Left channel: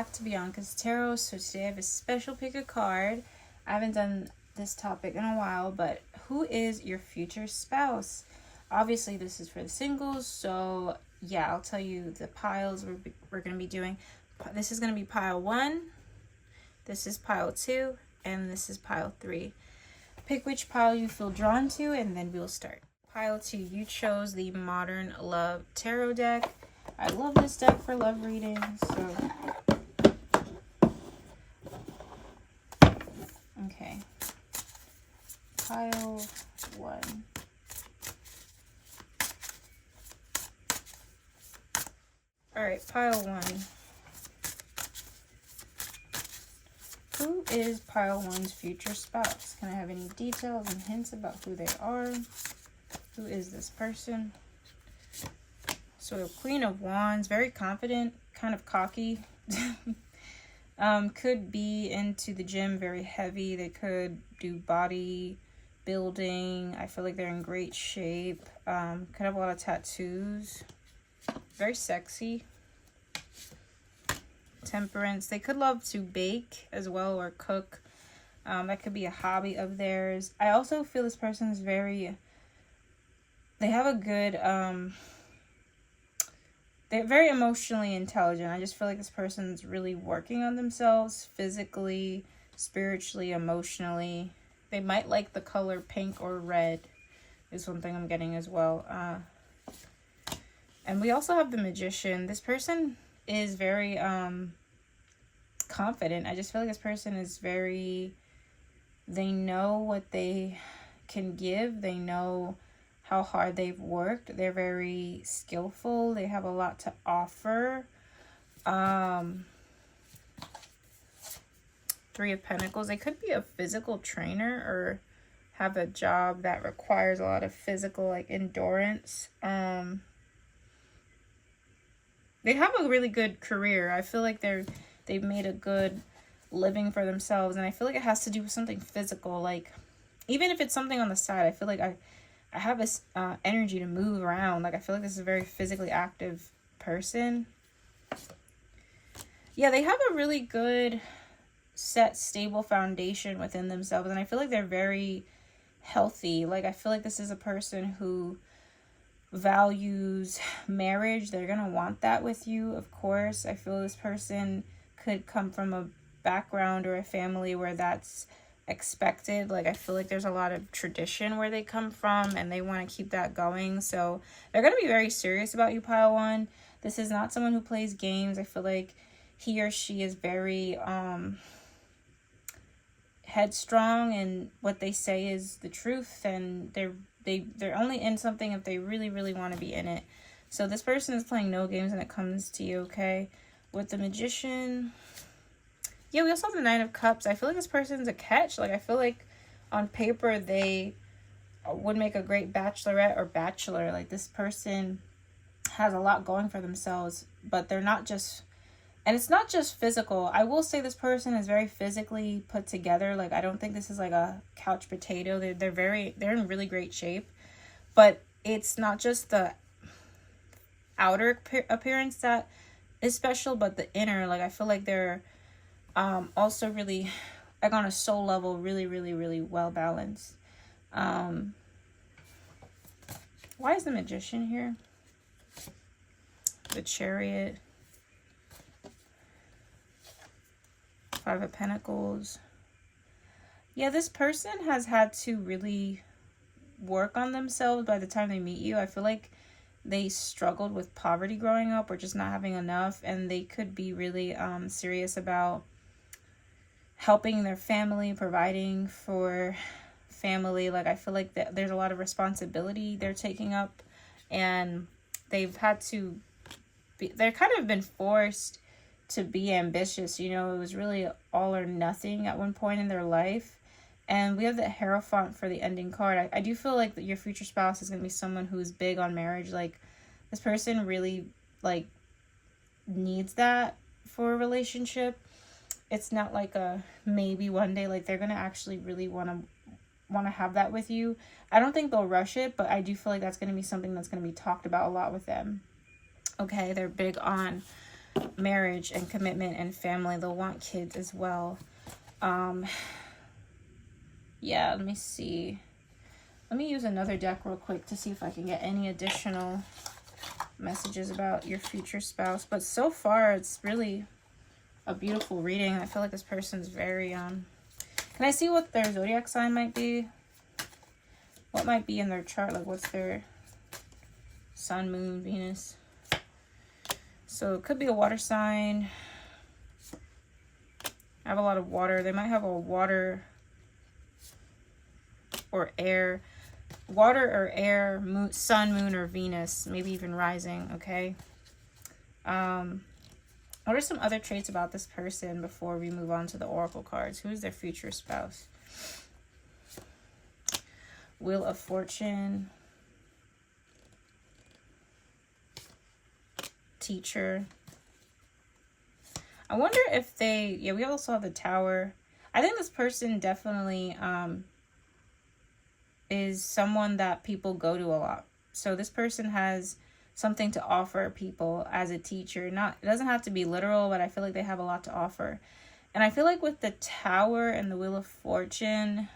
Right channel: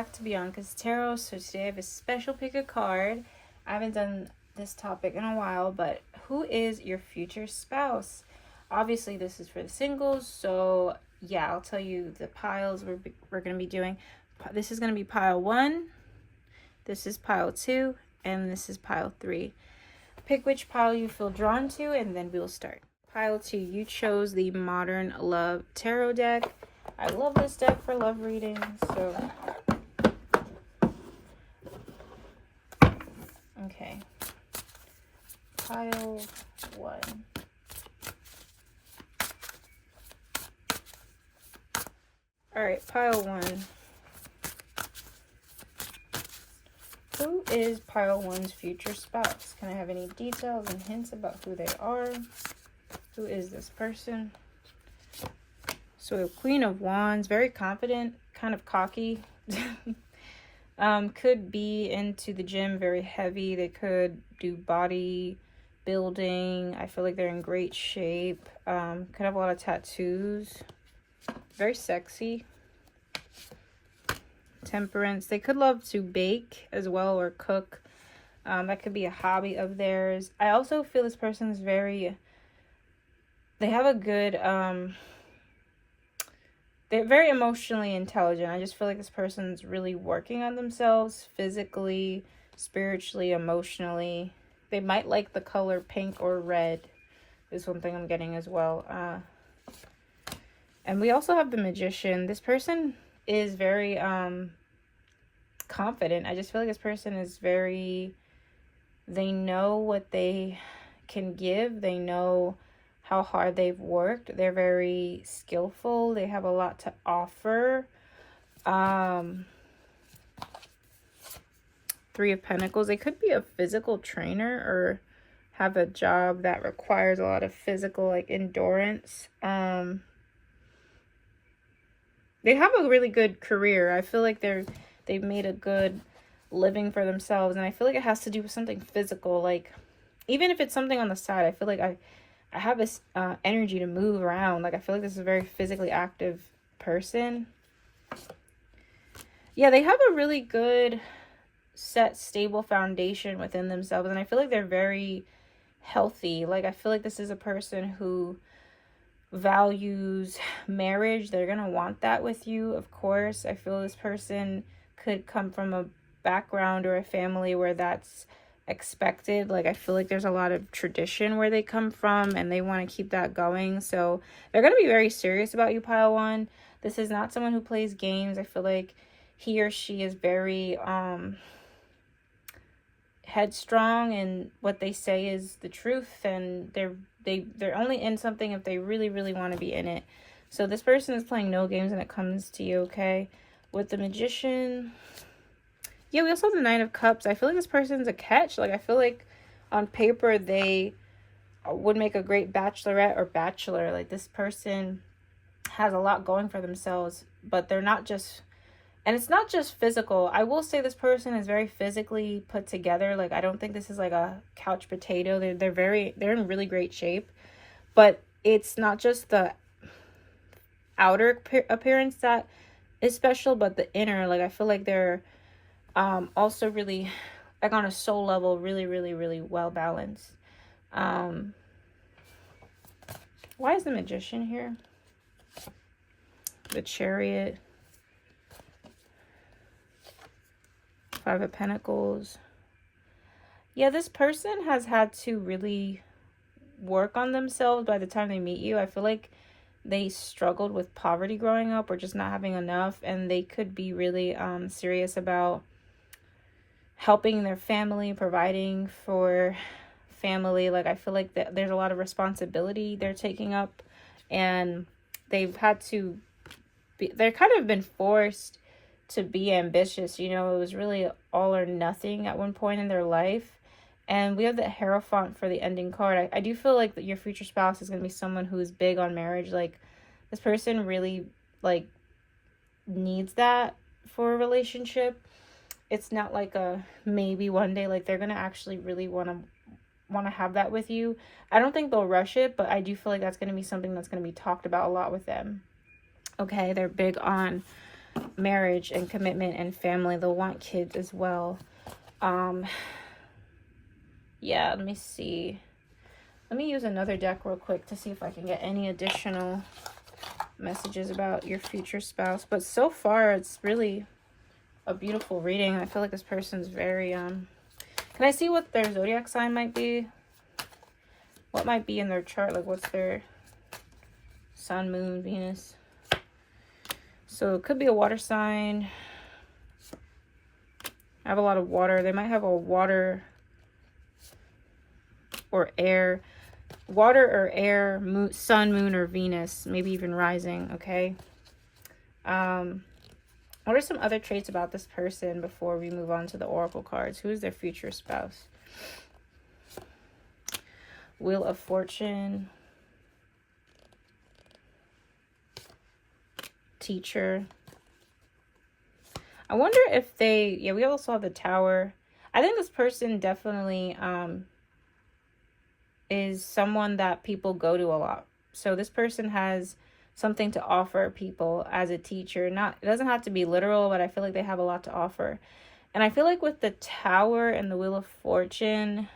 back to Bianca's Tarot. So today I have a special pick a card. I haven't done this topic in a while, but who is your future spouse? Obviously, this is for the singles, so yeah, I'll tell you the piles we're going to be doing. This is going to be pile 1, this is pile 2, and this is pile 3. Pick which pile you feel drawn to, and then we'll start. Pile 2, you chose the Modern Love Tarot deck. I love this deck for love readings, so... Okay. Pile 1. Alright, pile 1. Who is pile 1's future spouse? Can I have any details and hints about who they are? Who is this person? So Queen of Wands, very confident, kind of cocky. Could be into the gym, very heavy. They could do body building. I feel like they're in great shape. Could have a lot of tattoos. Very sexy. Temperance. They could love to bake as well or cook. That could be a hobby of theirs. I also feel this person's very... They have a good... They're very emotionally intelligent. I just feel like this person's really working on themselves physically, spiritually, emotionally. They might like the color pink or red is one thing I'm getting as well. And we also have the Magician. This person is very confident. I just feel like this person is very... They know what they can give. They know how hard they've worked. They're very skillful. They have a lot to offer. 3 of Pentacles. They could be a physical trainer or have a job that requires a lot of physical, like, endurance. They have a really good career. I feel like they've made a good living for themselves, and I feel like it has to do with something physical. Like, even if it's something on the side, I feel like I have this energy to move around. Like, I feel like this is a very physically active person. Yeah, they have a really good, set, stable foundation within themselves. And I feel like they're very healthy. Like, I feel like this is a person who values marriage. They're going to want that with you, of course. I feel this person could come from a background or a family where that's expected. Like, I feel like there's a lot of tradition where they come from and they want to keep that going. So they're going to be very serious about you, pile 1. This is not someone who plays games. I feel like he or she is very headstrong, and what they say is the truth, and they're only in something if they really want to be in it. So this person is playing no games when it comes to you, okay? With the Magician, yeah, we also have the 9 of Cups. I feel like this person's a catch. Like, I feel like on paper they would make a great bachelorette or bachelor. Like, this person has a lot going for themselves, but they're not just... And it's not just physical. I will say this person is very physically put together. Like, I don't think this is like a couch potato. They're in really great shape. But it's not just the outer appearance that is special, but the inner. Like, I feel like they're... also really, like, on a soul level, really well balanced. Why is the Magician here? The Chariot, 5 of Pentacles. Yeah, this person has had to really work on themselves by the time they meet you. I feel like they struggled with poverty growing up or just not having enough, and they could be really serious about helping their family, providing for family. Like, I feel like there's a lot of responsibility they're taking up, and they've had to they're kind of been forced to be ambitious. You know, it was really all or nothing at one point in their life. And we have the Hierophant for the ending card. I do feel like that your future spouse is going to be someone who is big on marriage. Like, this person really, like, needs that for a relationship. It's not like a maybe one day. Like, they're going to actually really want to have that with you. I don't think they'll rush it, but I do feel like that's going to be something that's going to be talked about a lot with them. Okay, they're big on marriage and commitment and family. They'll want kids as well. Yeah, let me see. Let me use another deck real quick to see if I can get any additional messages about your future spouse. But so far, it's really a beautiful reading. I feel like this person's very, Can I see what their zodiac sign might be? What might be in their chart? Like, what's their sun, moon, Venus? So it could be a water sign. I have a lot of water. They might have a water or air. Water or air, moon, sun, moon, or Venus. Maybe even rising, okay? What are some other traits about this person before we move on to the oracle cards? Who is their future spouse? Wheel of Fortune. Teacher. I wonder if they, yeah, we also have the Tower. I think this person definitely is someone that people go to a lot. So this person has something to offer people as a teacher. It doesn't have to be literal, but I feel like they have a lot to offer. And I feel like with the Tower and the Wheel of Fortune,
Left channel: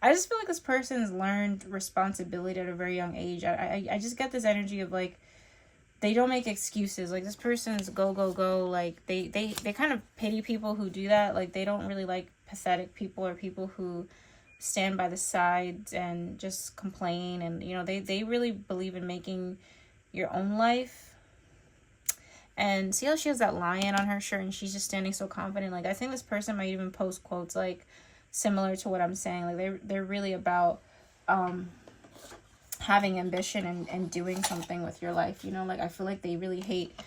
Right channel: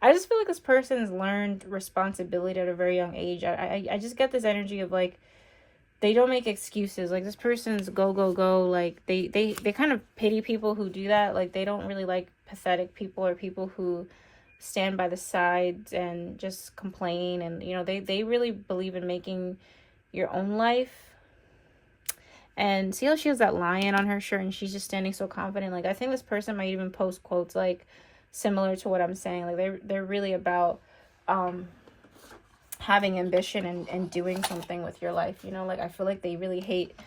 I just feel like this person's learned responsibility at a very young age. I just get this energy of like, they don't make excuses. Like, this person's go, go, go. Like, they kind of pity people who do that. Like, they don't really like pathetic people or people who stand by the sides and just complain. And, you know, they really believe in making your own life. And see how she has that lion on her shirt and she's just standing so confident. Like, I think this person might even post quotes, like, similar to what I'm saying. Like, they're really about having ambition and doing something with your life, you know? Like, I feel like they really hate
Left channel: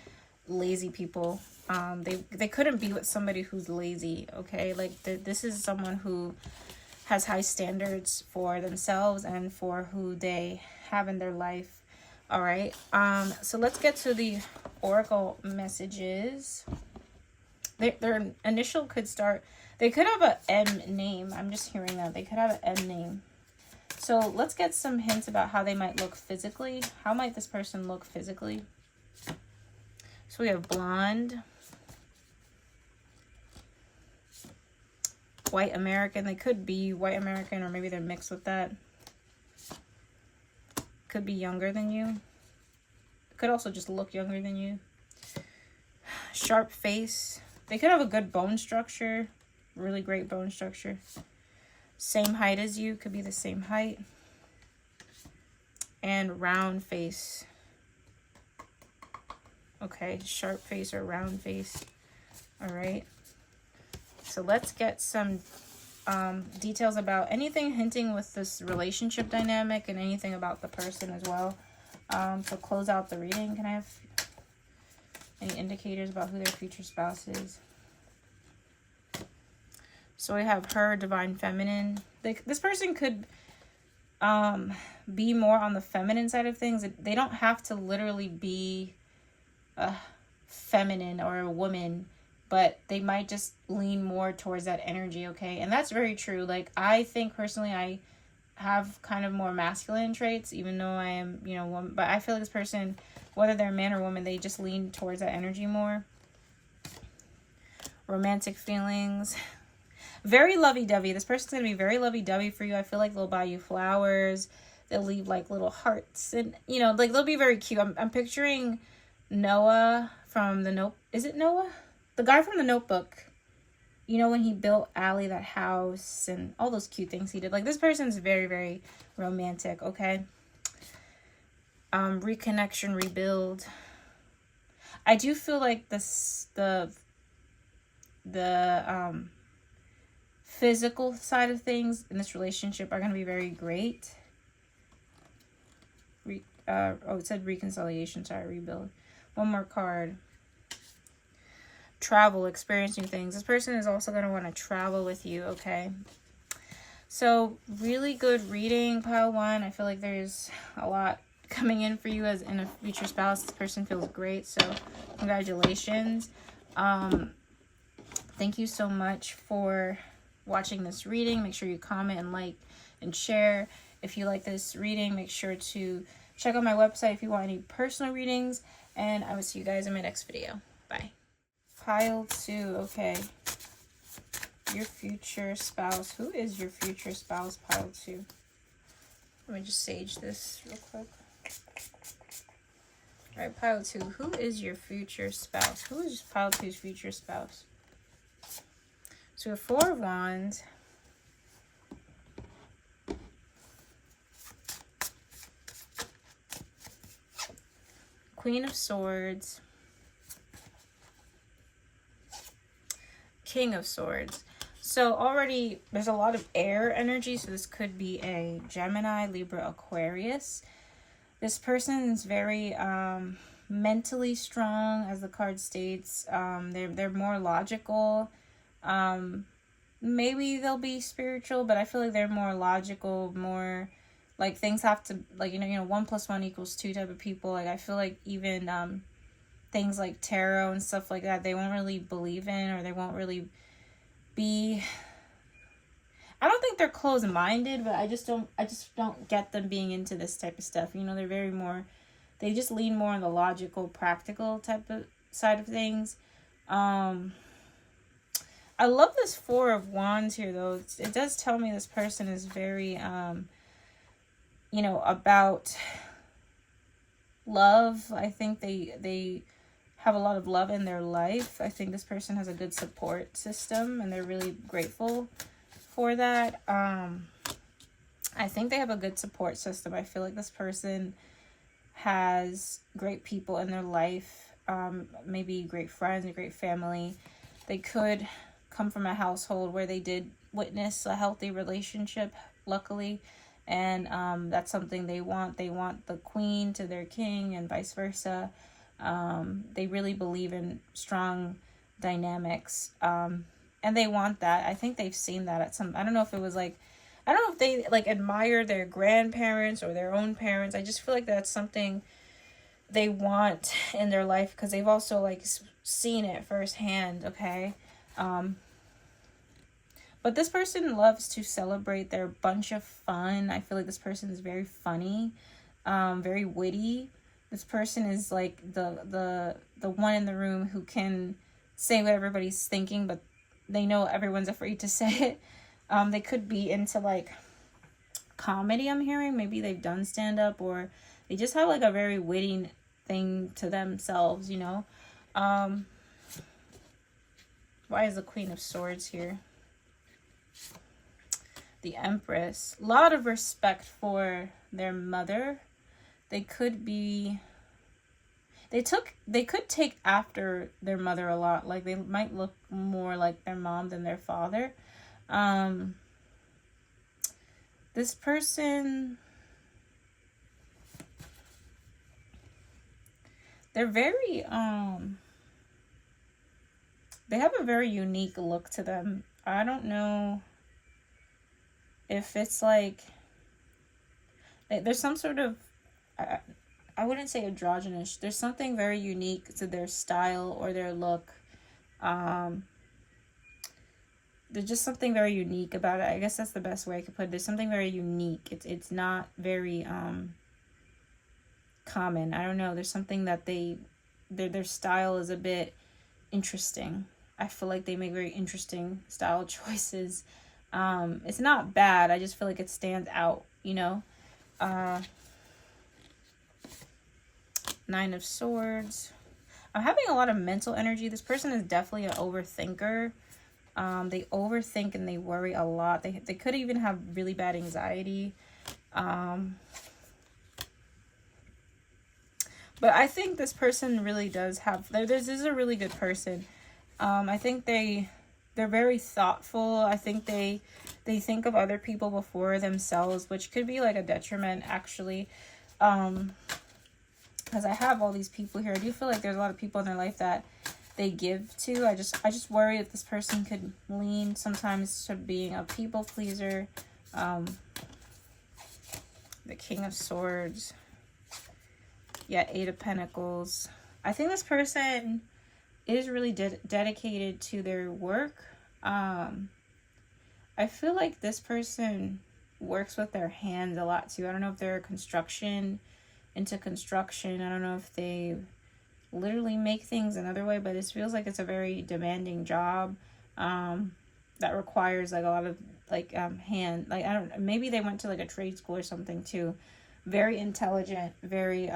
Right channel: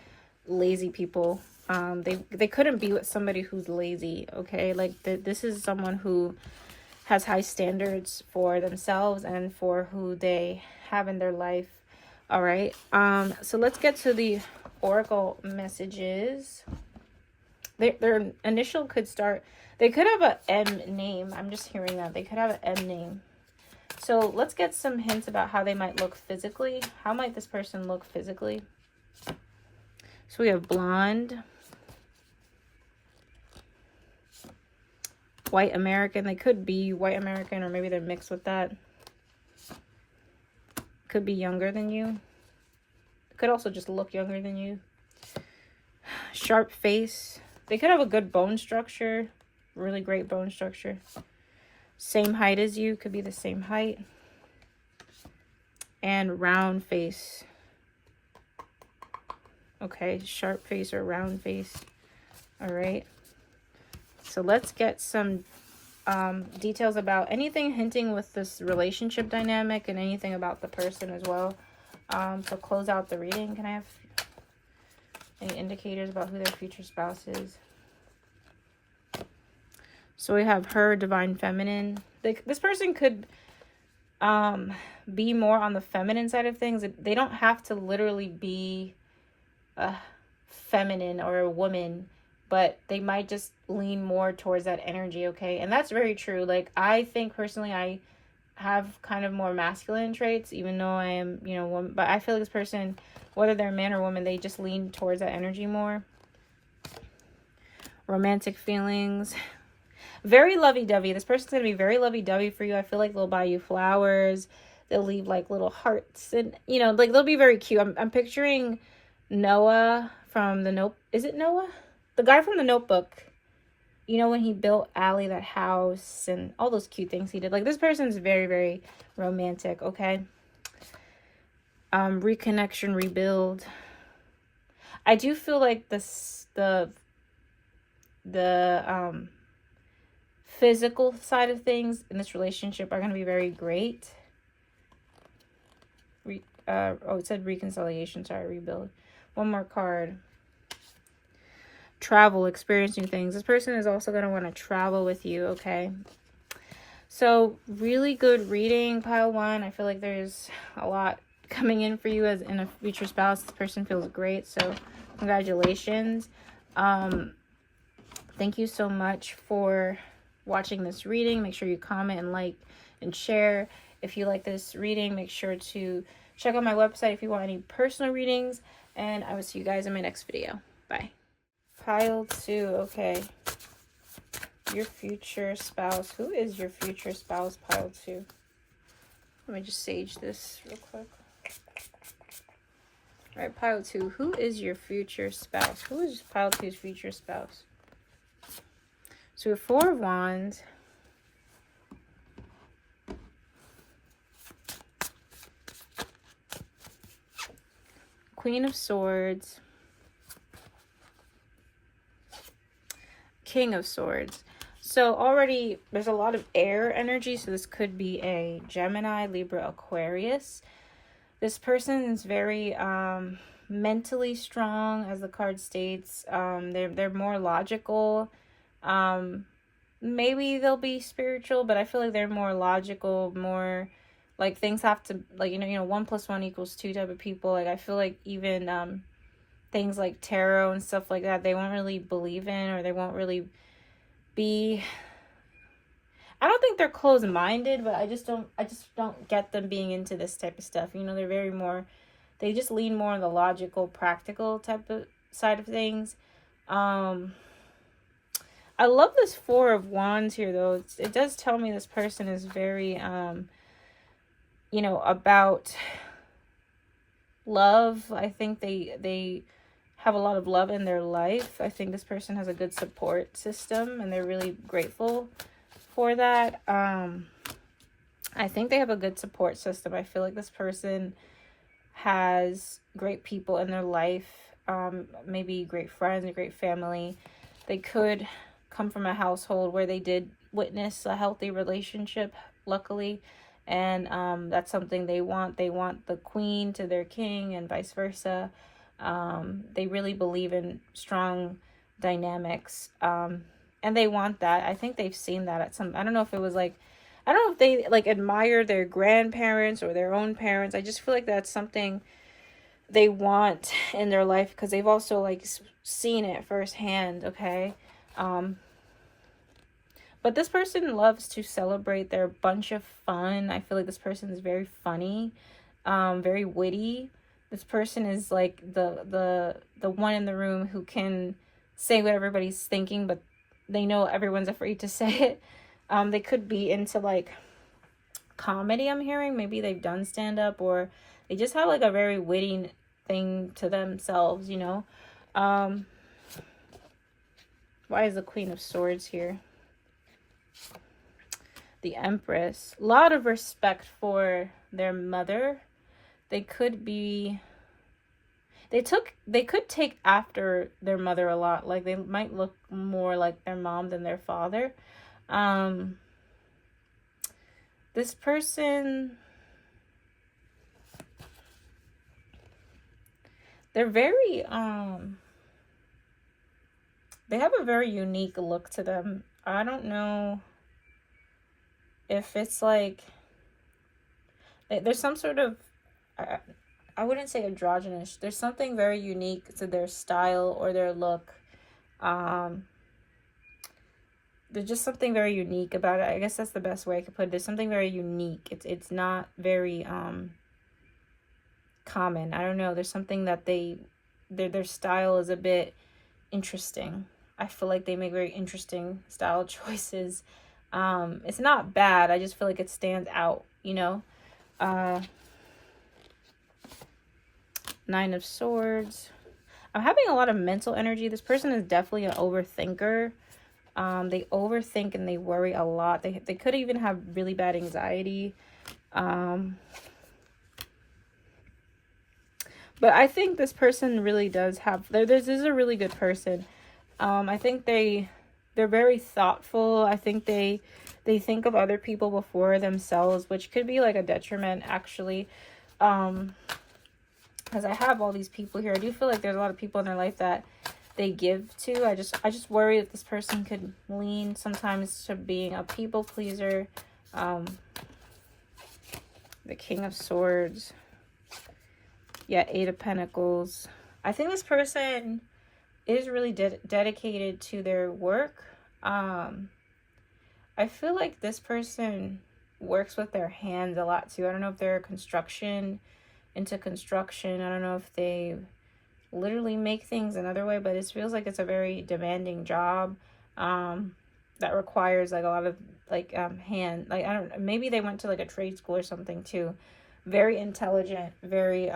lazy people. They couldn't be with somebody who's lazy, okay? Like, this is someone who has high standards for themselves and for who they have in their life. All right. So let's get to the oracle messages. Their initial could start, they could have an M name. I'm just hearing that. They could have an M name. So let's get some hints about how they might look physically. How might this person look physically? So we have blonde, white American. They could be white American, or maybe they're mixed with that. Could be younger than you. Could also just look younger than you. Sharp face. They could have a good bone structure. Really great bone structure. Same height as you. Could be the same height. And round face. Okay, sharp face or round face. All right. So let's get some details about anything hinting with this relationship dynamic and anything about the person as well. To close out the reading, can I have any indicators about who their future spouse is? So we have her, divine feminine. This person could be more on the feminine side of things. They don't have to literally be a feminine or a woman, but they might just lean more towards that energy, okay? And that's very true. Like, I think personally I have kind of more masculine traits, even though I am, you know, woman. But I feel like this person, whether they're man or woman, they just lean towards that energy more. Romantic feelings. Very lovey-dovey. This person's going to be very lovey-dovey for you. I feel like they'll buy you flowers. They'll leave, like, little hearts. And, you know, like, they'll be very cute. I'm picturing Noah from the Note. Is it Noah? The guy from the Notebook. You know, when he built Allie that house and all those cute things he did. Like, this person's very, very romantic, okay? Reconnection, rebuild. I do feel like the physical side of things in this relationship are going to be very great. It said reconciliation. Sorry, rebuild. One more card. Travel, experiencing things. This person is also going to want to travel with you, okay? So, really good reading, pile one. I feel like there's a lot coming in for you as in a future spouse. This person feels great, so congratulations. Thank you so much for watching this reading. Make sure you comment and like and share. If you like this reading, make sure to check out my website if you want any personal readings. And I will see you guys in my next video. Bye. Pile 2. Okay. Your future spouse. Who is your future spouse? Pile 2. Let me just sage this real quick. All right, pile 2. Who is your future spouse? Who is pile 2's future spouse? So we have 4 of Wands. Queen of Swords. King of Swords. So already there's a lot of air energy. So this could be a Gemini, Libra, Aquarius. This person is very mentally strong, as the card states. They're more logical. Maybe they'll be spiritual, but I feel like they're more logical, more like things have to, like, you know, 1 + 1 = 2 type of people. Like I feel like even things like tarot and stuff like that, they won't really believe in, or they won't really be, I don't think they're closed-minded, but I just don't get them being into this type of stuff. You know, they're very more, they just lean more on the logical, practical type of side of things. I love this 4 of Wands here, though. It does tell me this person is very, you know, about love. I think they have a lot of love in their life. I think this person has a good support system, and they're really grateful for that. I think they have a good support system. I feel like this person has great people in their life, maybe great friends, a great family. They could come from a household where they did witness a healthy relationship, luckily, and that's something they want. They want the queen to their king and vice versa. They really believe in strong dynamics, and they want that. I think they've seen that at some, I don't know if it was like, I don't know if they like admire their grandparents or their own parents. I just feel like that's something they want in their life, because they've also like seen it firsthand. Okay. But this person loves to celebrate. They're a bunch of fun. I feel like this person is very funny, very witty. This person is like the one in the room who can say what everybody's thinking, but they know everyone's afraid to say it. They could be into like comedy, I'm hearing. Maybe they've done stand-up, or they just have like a very witty thing to themselves, you know. Why is the Queen of Swords here? The Empress. A lot of respect for their mother. They could be, they could take after their mother a lot. Like they might look more like their mom than their father. This person, they're very, they have a very unique look to them. I don't know if it's like, there's some sort of, I wouldn't say androgynous. There's something very unique to their style or their look. There's just something very unique about it. I guess that's the best way I could put it. There's something very unique. It's not very common. I don't know. There's something that their style is a bit interesting. I feel like they make very interesting style choices. It's not bad. I just feel like it stands out, you know. 9 of Swords. I'm having a lot of mental energy. This person is definitely an overthinker. They overthink and they worry a lot. They could even have really bad anxiety. But I think this person really does have, this is a really good person. I think they're very thoughtful. I think they think of other people before themselves, which could be like a detriment, actually. Because I have all these people here. I do feel like there's a lot of people in their life that they give to. I just worry that this person could lean sometimes to being a people pleaser. The King of Swords. Yeah, 8 of Pentacles. I think this person is really dedicated to their work. I feel like this person works with their hands a lot too. I don't know if they're into construction. I don't know if they literally make things another way, but it feels like it's a very demanding job that requires like a lot of like hand, like I don't, maybe they went to like a trade school or something too. Very intelligent, very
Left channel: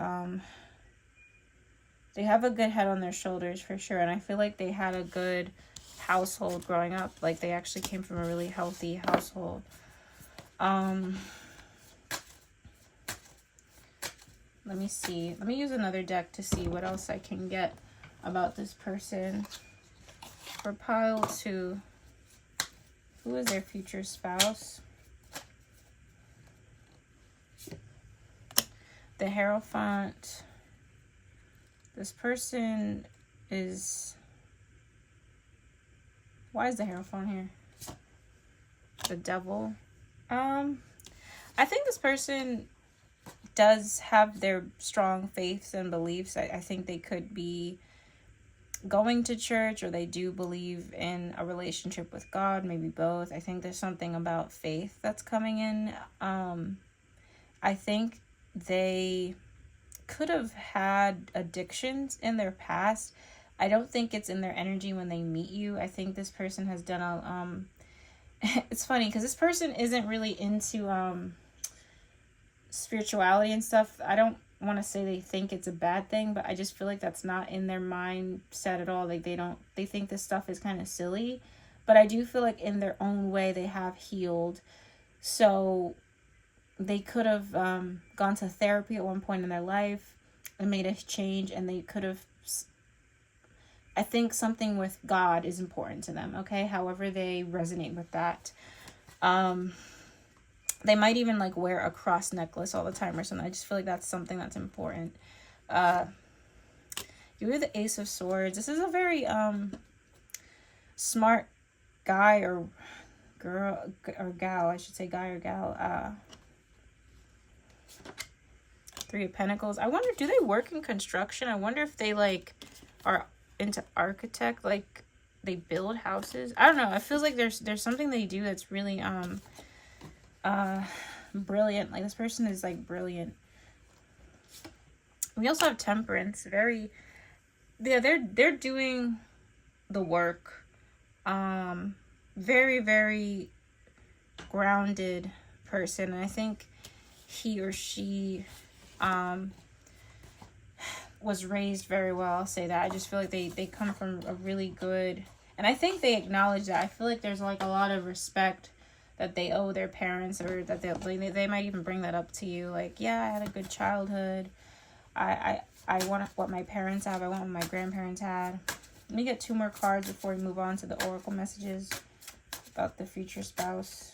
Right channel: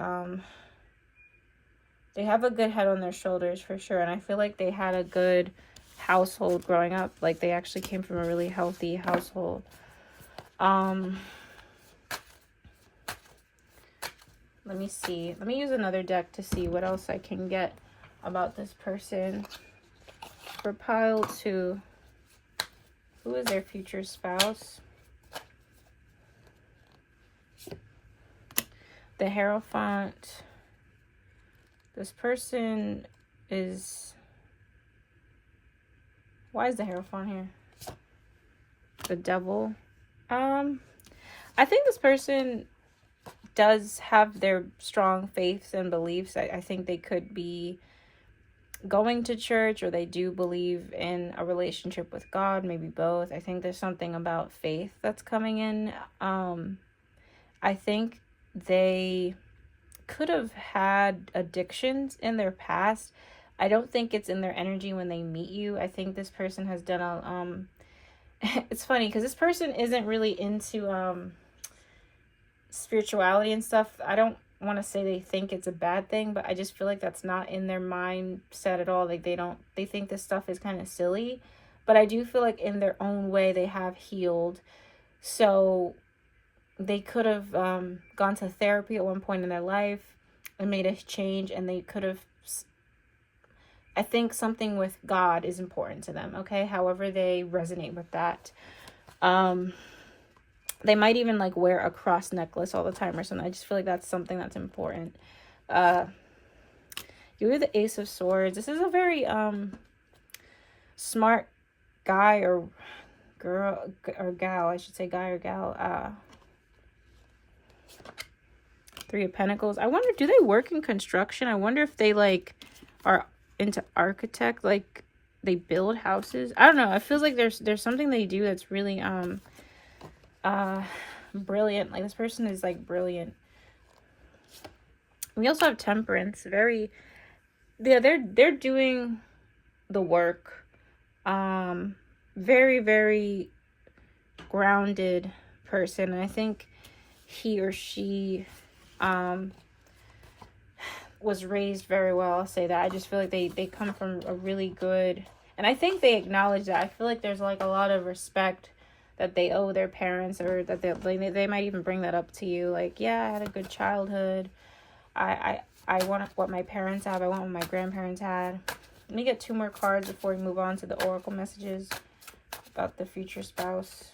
they have a good head on their shoulders for sure, and I feel like they had a good household growing up. Like they actually came from a really healthy household. Let me see. Let me use another deck to see what else I can get about this person. For pile 2, who is their future spouse? The Hierophant. This person is... Why is the Hierophant here? The Devil. I think this person does have their strong faiths and beliefs. I think they could be going to church, or they do believe in a relationship with God, maybe both. I think there's something about faith that's coming in. I think they could have had addictions in their past. I don't think it's in their energy when they meet you. I think this person has done a it's funny because this person isn't really into spirituality and stuff. I don't want to say they think it's a bad thing, but I just feel like that's not in their mindset at all. Like they think this stuff is kind of silly, but I do feel like in their own way they have healed. So they could have gone to therapy at one point in their life and made a change, and they could have, I think something with God is important to them, okay? However they resonate with that. They might even like wear a cross necklace all the time or something. I just feel like that's something that's important. You're the Ace of Swords. This is a very smart guy or girl or gal, I should say guy or gal. Three of Pentacles. I wonder, do they work in construction? I wonder if they like are into architect, like they build houses. I don't know. It feels like there's something they do that's really brilliant. Like this person is like brilliant. We also have Temperance. Very, yeah, they're doing the work. Very, very grounded person. And I think he or she was raised very well. I'll say that. I just feel like they come from a really good, and I think they acknowledge that. I feel like there's like a lot of respect that they owe their parents, or that they might even bring that up to you. Like, yeah, I had a good childhood. I want what my parents have. I want what my grandparents had. Let me get 2 more cards before we move on to the oracle messages about the future spouse.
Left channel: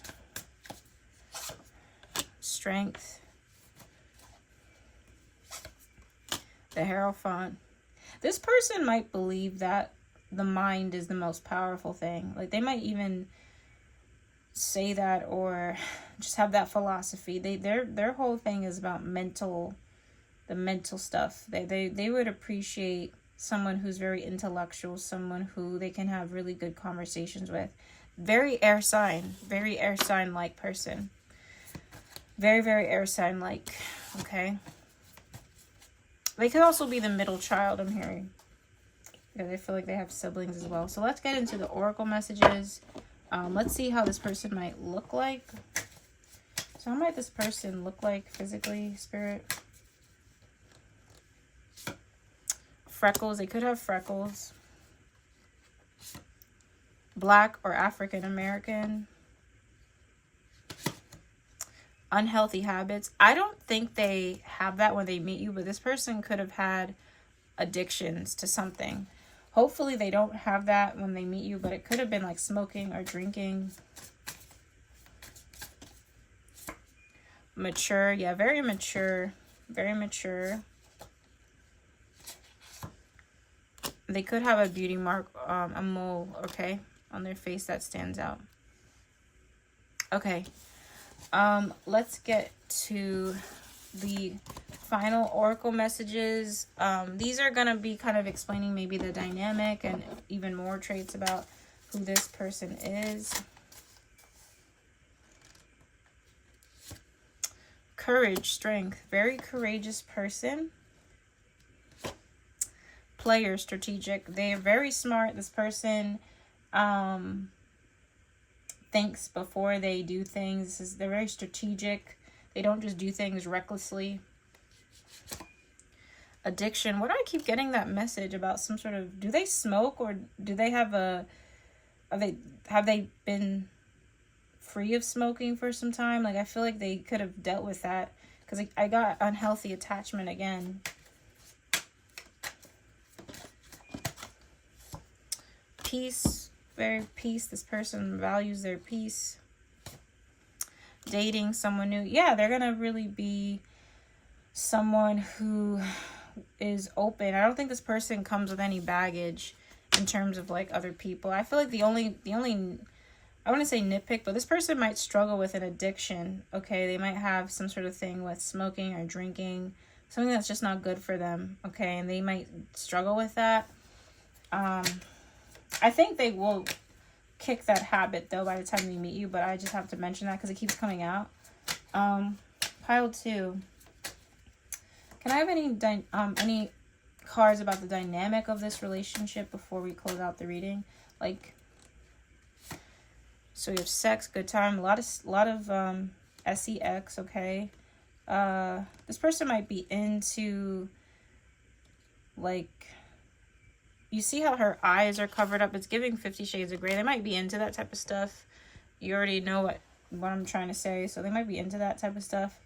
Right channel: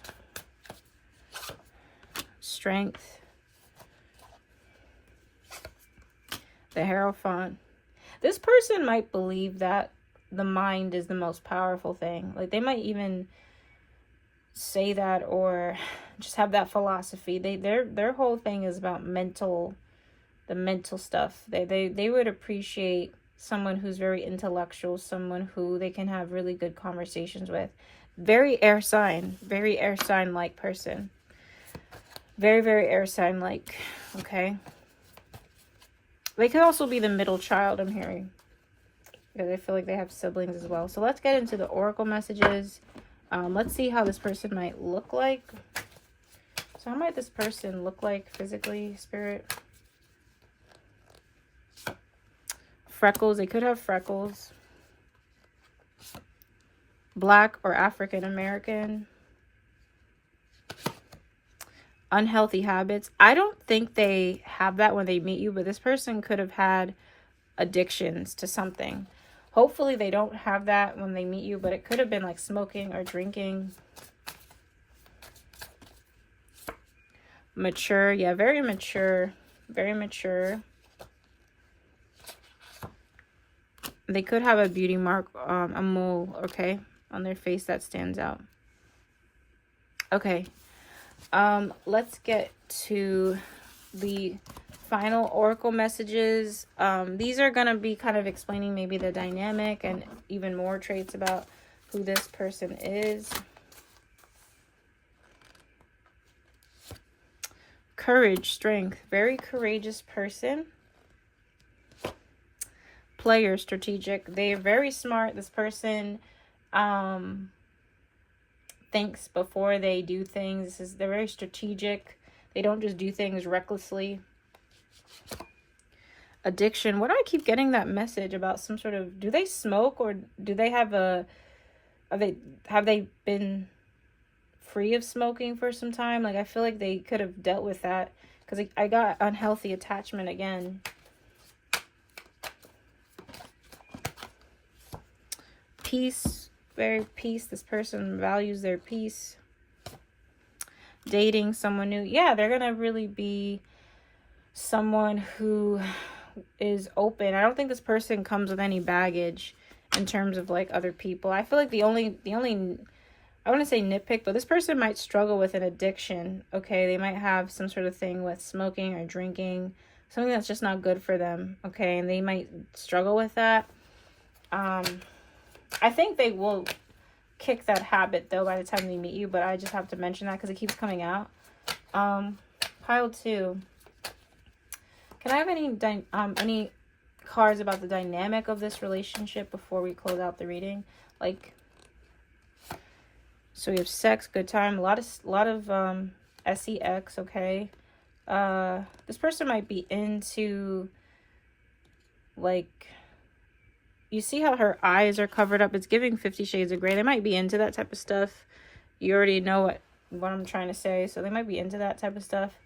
Strength. The Hierophant. This person might believe that the mind is the most powerful thing. Like they might even say that, or just have that philosophy. Their whole thing is about the mental stuff. They would appreciate someone who's very intellectual, someone who they can have really good conversations with. Very air sign like person. Very, very air sign like, okay? They could also be the middle child, I'm hearing, because I feel like they have siblings as well. So let's get into the oracle messages. Let's see how this person might look like. So how might this person look like physically, Spirit? Freckles. They could have freckles. Black or African American. Unhealthy habits. I don't think they have that when they meet you, but this person could have had addictions to something. Hopefully they don't have that when they meet you, but it could have been like smoking or drinking. Mature. Yeah, very mature. Very mature. They could have a beauty mark, a mole, okay, on their face that stands out. Okay. Let's get to the final oracle messages. These are going to be kind of explaining maybe the dynamic and even more traits about who this person is. Courage, strength, very courageous person. player, strategic. They are very smart. This person thinks before they do things. They're very strategic. They don't just do things recklessly. Addiction. What do I keep getting that message about? Some sort of, do they smoke, or do they have have they been free of smoking for some time? Like, I feel like they could have dealt with that, because I got unhealthy attachment again. Peace. Very peace. This person values their peace. Dating someone new. Yeah, they're gonna really be someone who is open. I don't think this person comes with any baggage in terms of like other people. I feel like the only I want to say nitpick, but this person might struggle with an addiction. Okay, they might have some sort of thing with smoking or drinking, something that's just not good for them. Okay, and they might struggle with that. I think they will kick that habit though by the time they meet you, but I just have to mention that because it keeps coming out. Pile 2. Can I have any cards about the dynamic of this relationship before we close out the reading? Like, so we have sex, good time, a lot of sex. Okay, this person might be into, like, you see how her eyes are covered up? It's giving 50 Shades of Grey. They might be into that type of stuff. You already know what I'm trying to say. So they might be into that type of stuff.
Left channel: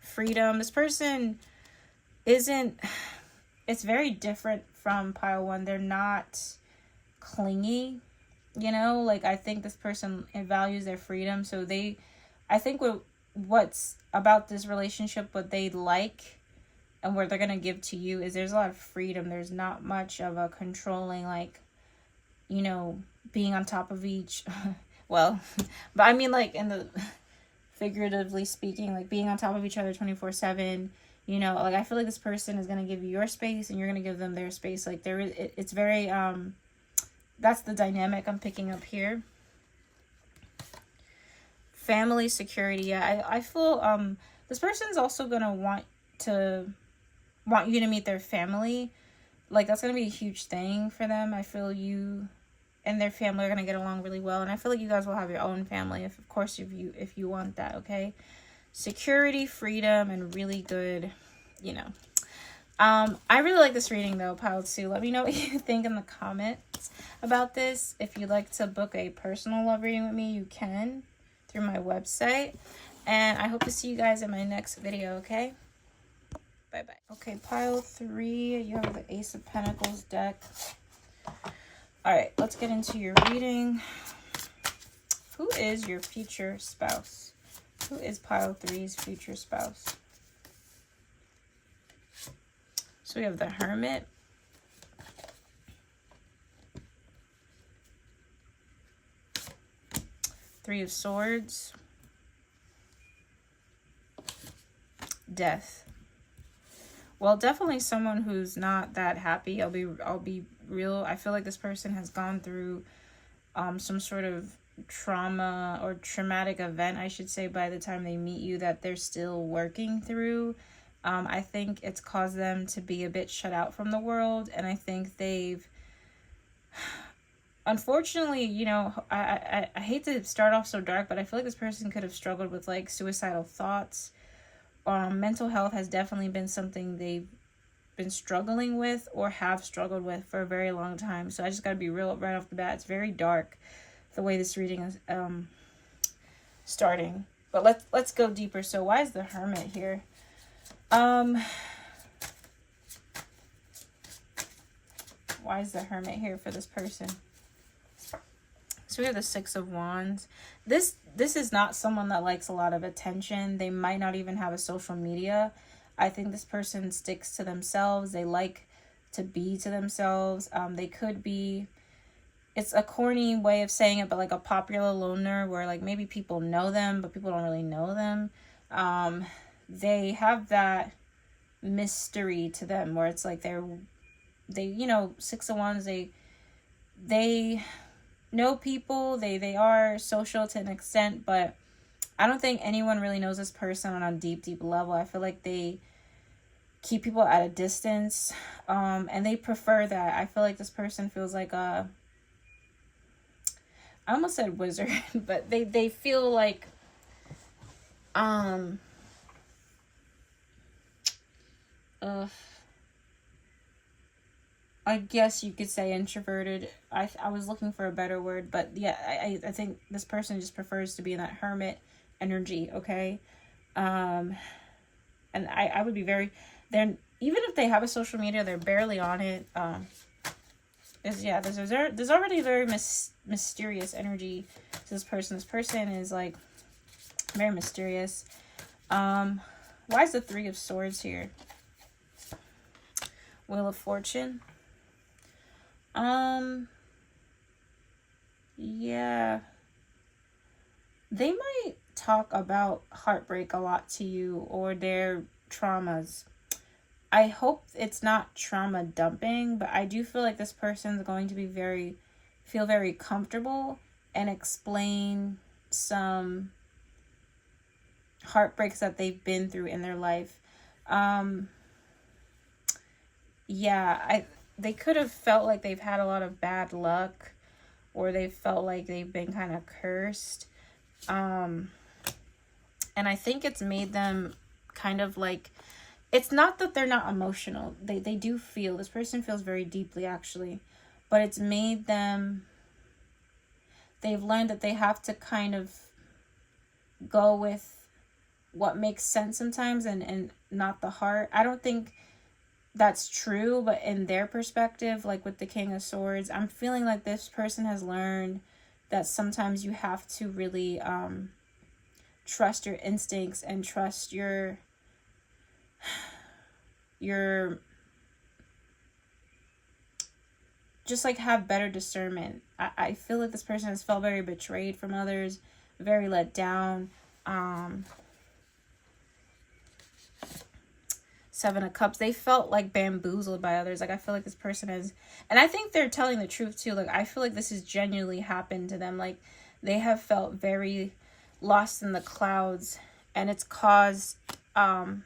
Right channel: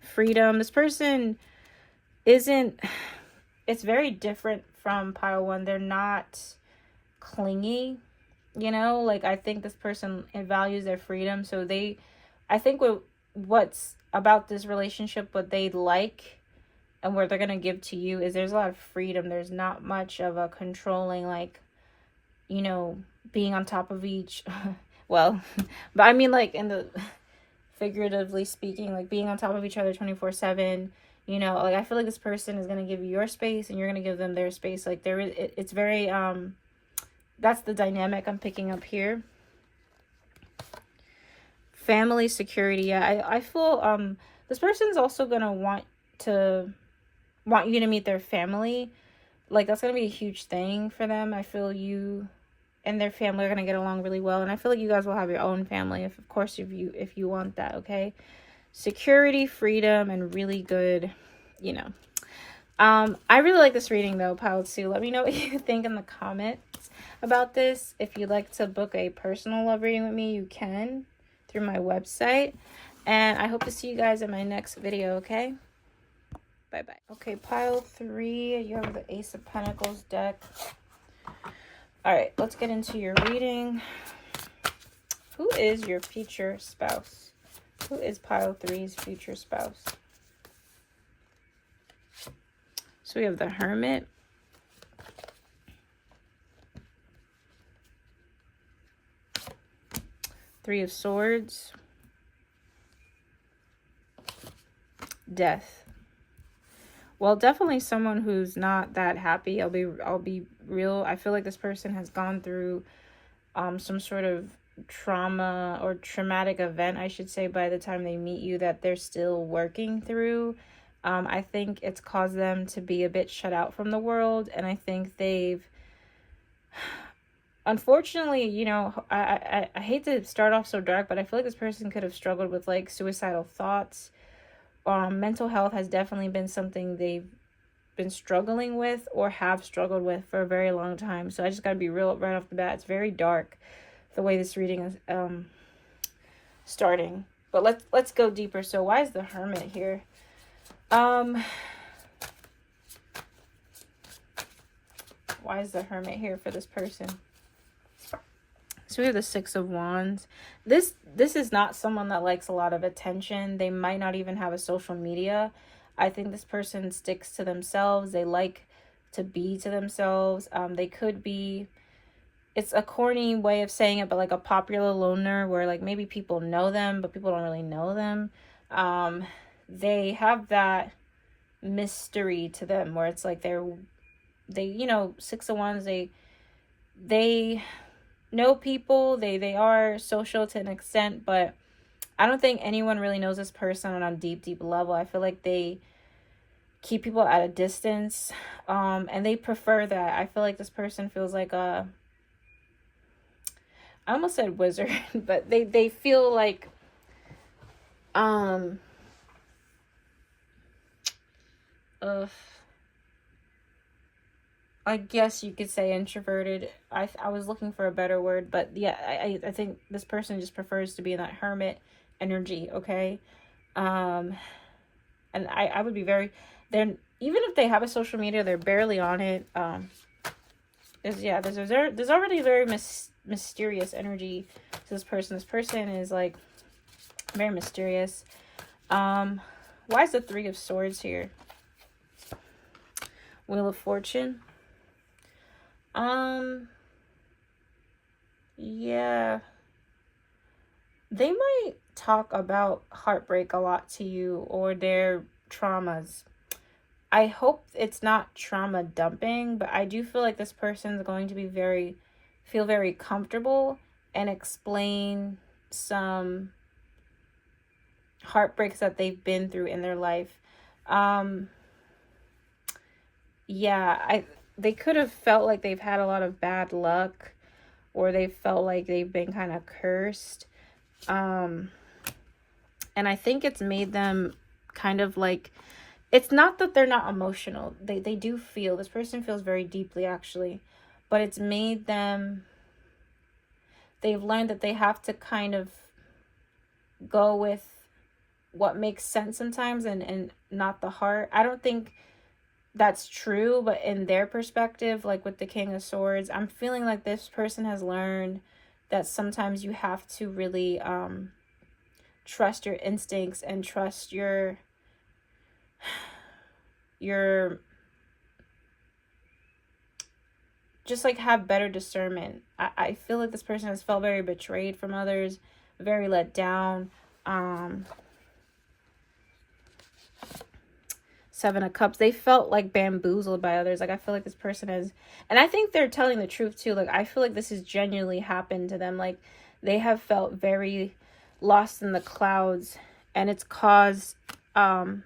Freedom. This person isn't... It's very different from pile 1. They're not clingy. You know? Like, I think this person values their freedom. So I think what's about this relationship, what they like... and what they're going to give to you is there's a lot of freedom. There's not much of a controlling, like, you know, being on top of each. Well, but I mean, like, in the figuratively speaking, like being on top of each other 24/7. You know, like, I feel like this person is going to give you your space and you're going to give them their space. Like, it's very, that's the dynamic I'm picking up here. Family security. Yeah, I feel, this person's also going to want you to meet their family. Like, that's gonna be a huge thing for them. I feel you and their family are gonna get along really well, and I feel like you guys will have your own family, if you want that. Okay, security, freedom, and really good, you know. I really like this reading though, pile 2. Let me know what you think in the comments about this. If you'd like to book a personal love reading with me, you can through my website, and I hope to see you guys in my next video. Okay, bye-bye. Okay, pile 3, you have the Ace of Pentacles deck. All right, let's get into your reading. Who is your future spouse? Who is pile 3's future spouse? So we have the Hermit. Three of Swords. Death. Well, definitely someone who's not that happy. I'll be real. I feel like this person has gone through some sort of trauma or traumatic event, I should say, by the time they meet you, that they're still working through. I think it's caused them to be a bit shut out from the world, and I think they've, unfortunately, you know, I hate to start off so dark, but I feel like this person could have struggled with, like, suicidal thoughts. Mental health has definitely been something they've been struggling with or have struggled with for a very long time. So I just got to be real right off the bat. It's very dark the way this reading is starting. But let's go deeper. So why is the Hermit here? Why is the Hermit here for this person? So we have the Six of Wands. This is not someone that likes a lot of attention. They might not even have a social media. I think this person sticks to themselves. They like to be to themselves. They could be, it's a corny way of saying it, but like a popular loner where like maybe people know them, but people don't really know them. They have that mystery to them where it's like they you know, Six of Wands, they know people, they are social to an extent, but I don't think anyone really knows this person on a deep level. I feel like they keep people at a distance. And they prefer that. I feel like this person feels like a, I almost said wizard, but they feel like, um, I guess you could say introverted. I was looking for a better word, but yeah, I think this person just prefers to be in that hermit energy, okay? And I would be very, they're, even if they have a social media, they're barely on it. There's already very mysterious energy to this person. This person is like very mysterious. Why is the Three of Swords here? Wheel of Fortune. Yeah. They might talk about heartbreak a lot to you or their traumas. I hope it's not trauma dumping, but I do feel like this person's going to be feel very comfortable and explain some heartbreaks that they've been through in their life. They could have felt like they've had a lot of bad luck, or they felt like they've been kind of cursed. And I think it's made them kind of like, it's not that they're not emotional. They do feel, this person feels very deeply actually, but it's made them, they've learned that they have to kind of go with what makes sense sometimes and not the heart. I don't think that's true, but in their perspective, like with the King of Swords, I'm feeling like this person has learned that sometimes you have to really trust your instincts and trust your just like have better discernment. I feel like this person has felt very betrayed from others, very let down. Seven of Cups, they felt like bamboozled by others. Like I feel like this person is, and I think they're telling the truth too. Like I feel like this has genuinely happened to them. Like they have felt very lost in the clouds, and it's caused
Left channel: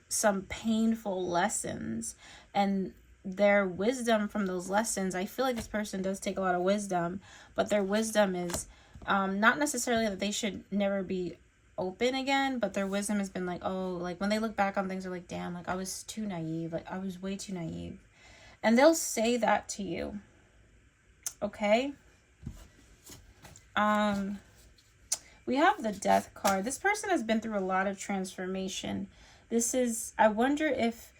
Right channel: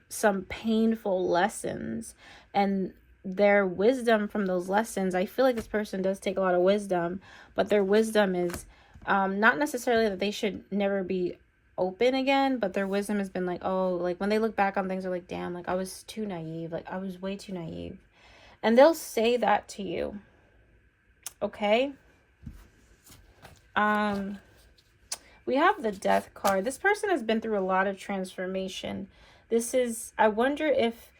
some painful lessons, and their wisdom from those lessons. I feel like this person does take a lot of wisdom, but their wisdom is not necessarily that they should never be open again, but their wisdom has been like, oh, like when they look back on things, they're like, damn, like I was too naive, like I was way too naive. And they'll say that to you, okay? We have the Death card. This person has been through a lot of transformation. This is, I wonder if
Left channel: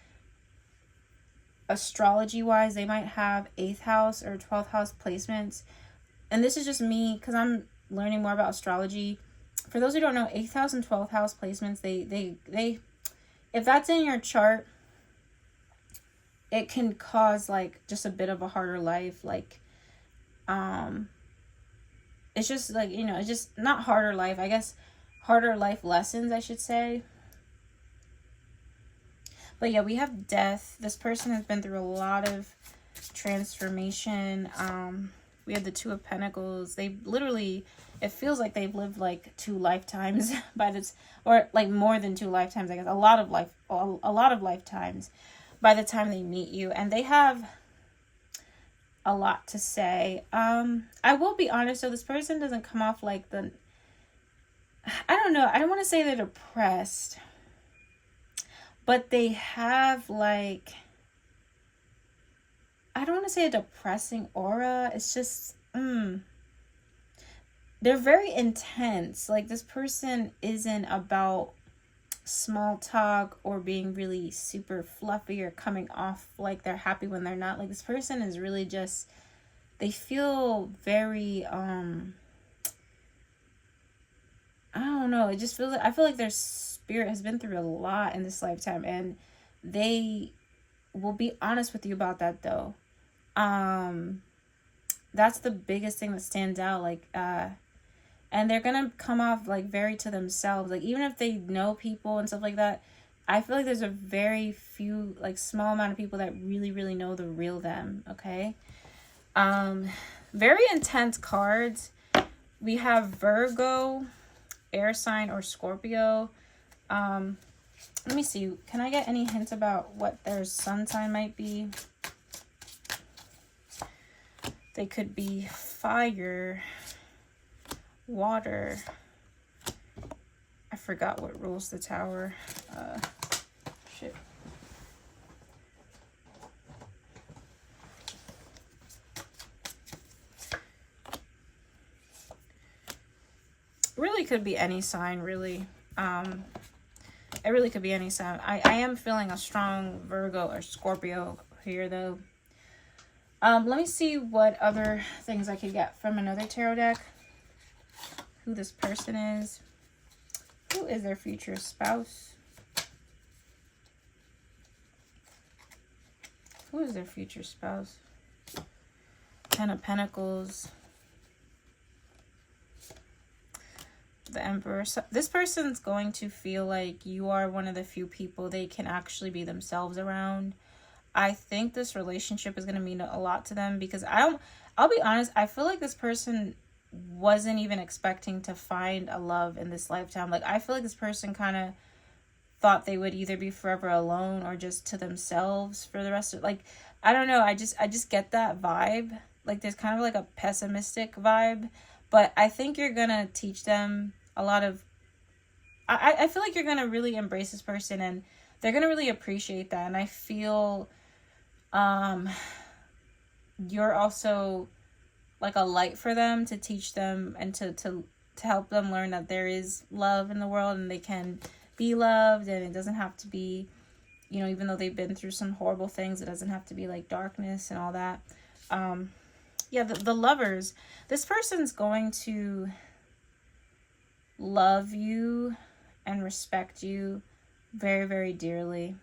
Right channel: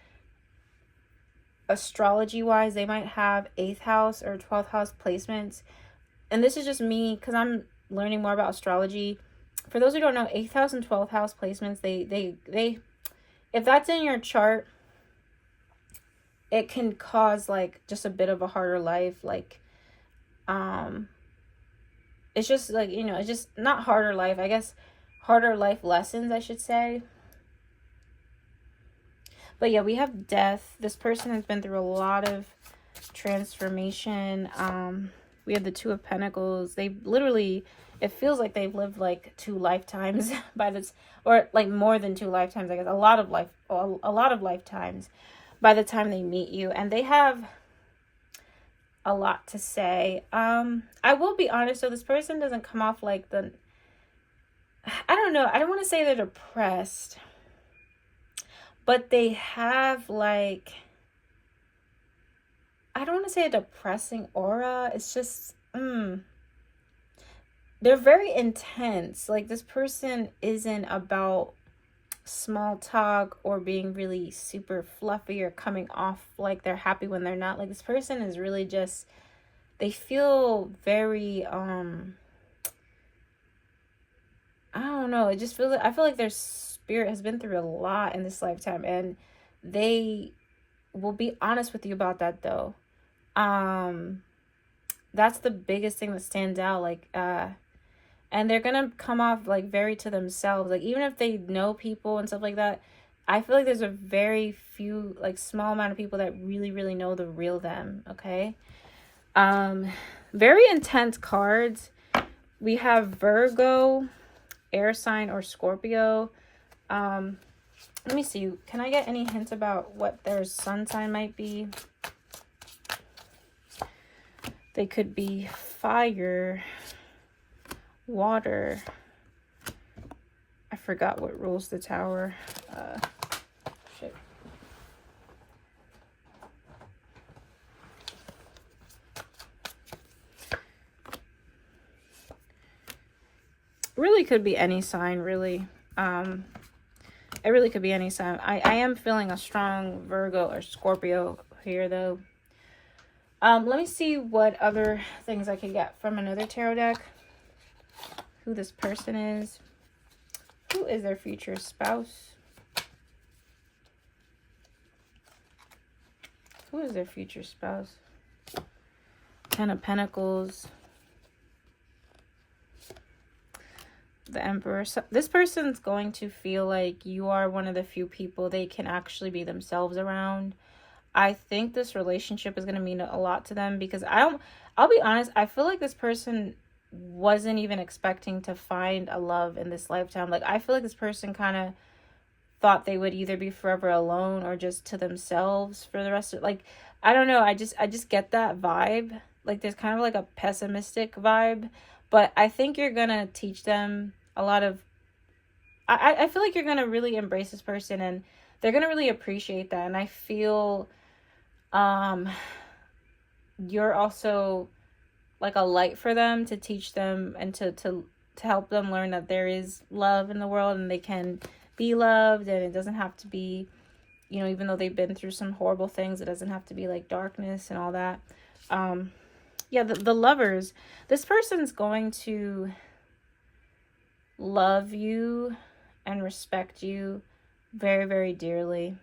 astrology wise they might have 8th house or 12th house placements, and this is just me because I'm learning more about astrology. For those who don't know, 8th house and 12th house placements, they if that's in your chart, it can cause like just a bit of a harder life. Like it's just like, you know, it's just not harder life, I guess, harder life lessons, I should say. But yeah, we have Death. This person has been through a lot of transformation. We have the Two of Pentacles. They literally, it feels like they've lived like 2 lifetimes by this, or like more than 2 lifetimes, I guess. A lot of lifetimes by the time they meet you, and they have a lot to say. I will be honest, so this person doesn't come off like the, I don't know, I don't want to say they're depressed, but they have like, I don't want to say a depressing aura. It's just, they're very intense. Like this person isn't about small talk or being really super fluffy or coming off like they're happy when they're not. Like this person is really just, they feel very, I don't know. It just feels, I feel like their spirit has been through a lot in this lifetime, and they will be honest with you about that though. That's the biggest thing that stands out. Like, and they're gonna come off like very to themselves. Like even if they know people and stuff like that, I feel like there's a very few, like small amount of people that really, really know the real them. Okay. Very intense cards. We have Virgo, air sign, or Scorpio. Let me see. Can I get any hints about what their sun sign might be? They could be fire, water. I forgot what rules the tower. Shit. Really could be any sign, really. It really could be any sign. I am feeling a strong Virgo or Scorpio here, though. Let me see what other things I can get from another tarot deck. Who this person is. Who is their future spouse? Who is their future spouse? Ten of Pentacles. The Emperor. So this person's going to feel like you are one of the few people they can actually be themselves around. I think this relationship is going to mean a lot to them because I'll be honest, I feel like this person wasn't even expecting to find a love in this lifetime. Like, I feel like this person kind of thought they would either be forever alone or just to themselves for the rest of, like, I don't know. I just get that vibe. Like, there's kind of like a pessimistic vibe, but I think you're going to teach them a lot of, I feel like you're going to really embrace this person and they're going to really appreciate that. And I feel, you're also like a light for them to teach them and to help them learn that there is love in the world and they can be loved, and it doesn't have to be, you know, even though they've been through some horrible things, it doesn't have to be like darkness and all that. Yeah, the lovers, this person's going to love you and respect you very, very dearly.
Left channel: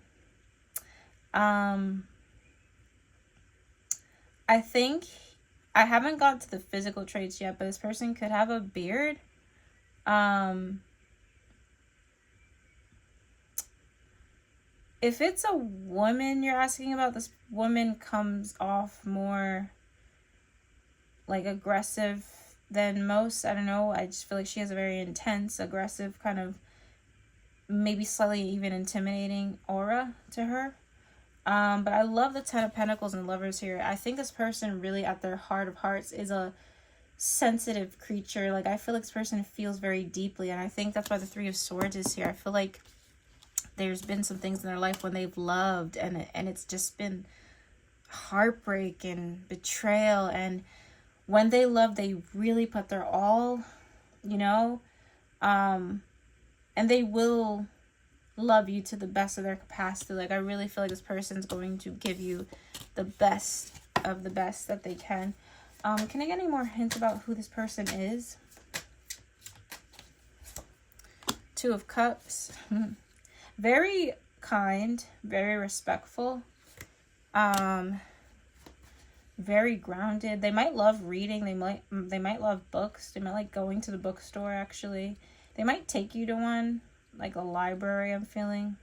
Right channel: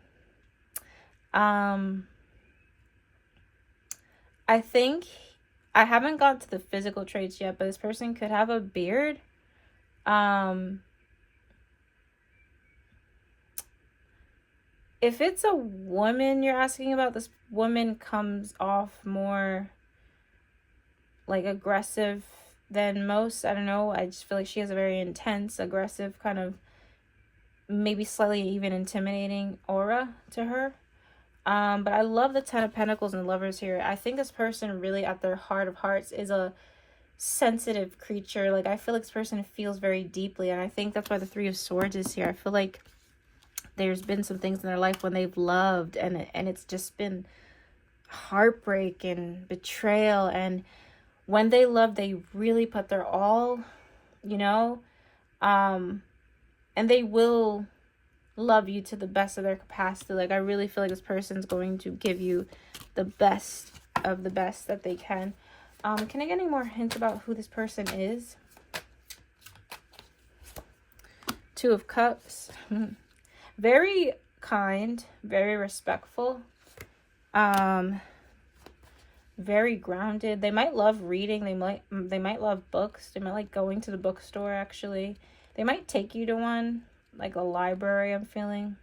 I think I haven't got to the physical traits yet, but this person could have a beard. If it's a woman you're asking about, this woman comes off more like aggressive than most. I don't know. I just feel like she has a very intense, aggressive, kind of maybe slightly even intimidating aura to her. But I love the Ten of Pentacles and Lovers here. I think this person really at their heart of hearts is a sensitive creature. Like, I feel like this person feels very deeply, and I think that's why the Three of Swords is here. I feel like there's been some things in their life when they've loved and it's just been heartbreak and betrayal, and when they love, they really put their all, you know, and they will love you to the best of their capacity. Like, I really feel like this person's going to give you the best of the best that they can. Can I get any more hints about who this person is? Two of Cups. Very kind, very respectful, very grounded. They might love reading. They might love books. They might like going to the bookstore, actually. They might take you to one, like a library, I'm feeling.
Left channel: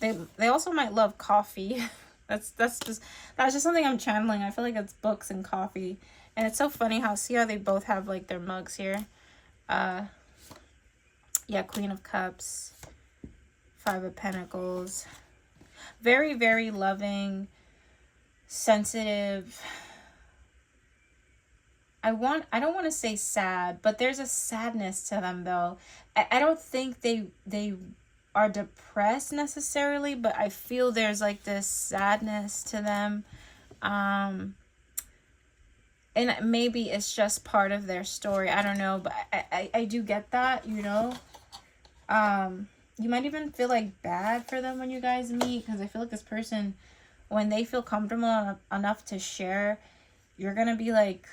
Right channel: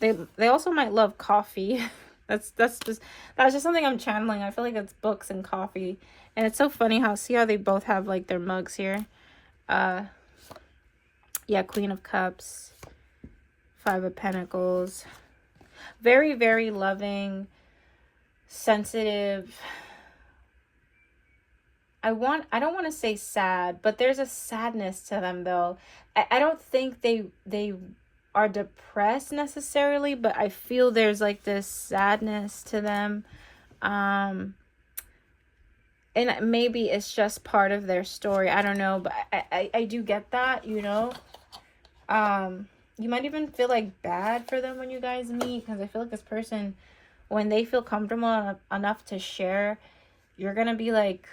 They also might love coffee. that's just something I'm channeling. I feel like it's books and coffee. And it's so funny how, see how they both have like their mugs here. Yeah, Queen of Cups, Five of Pentacles. Very, very loving, sensitive. I don't want to say sad, but there's a sadness to them, though. I don't think they are depressed necessarily, but I feel there's like this sadness to them. And maybe it's just part of their story. I don't know, but I do get that, you know. You might even feel like bad for them when you guys meet, because I feel like this person, when they feel comfortable enough to share, you're gonna be like,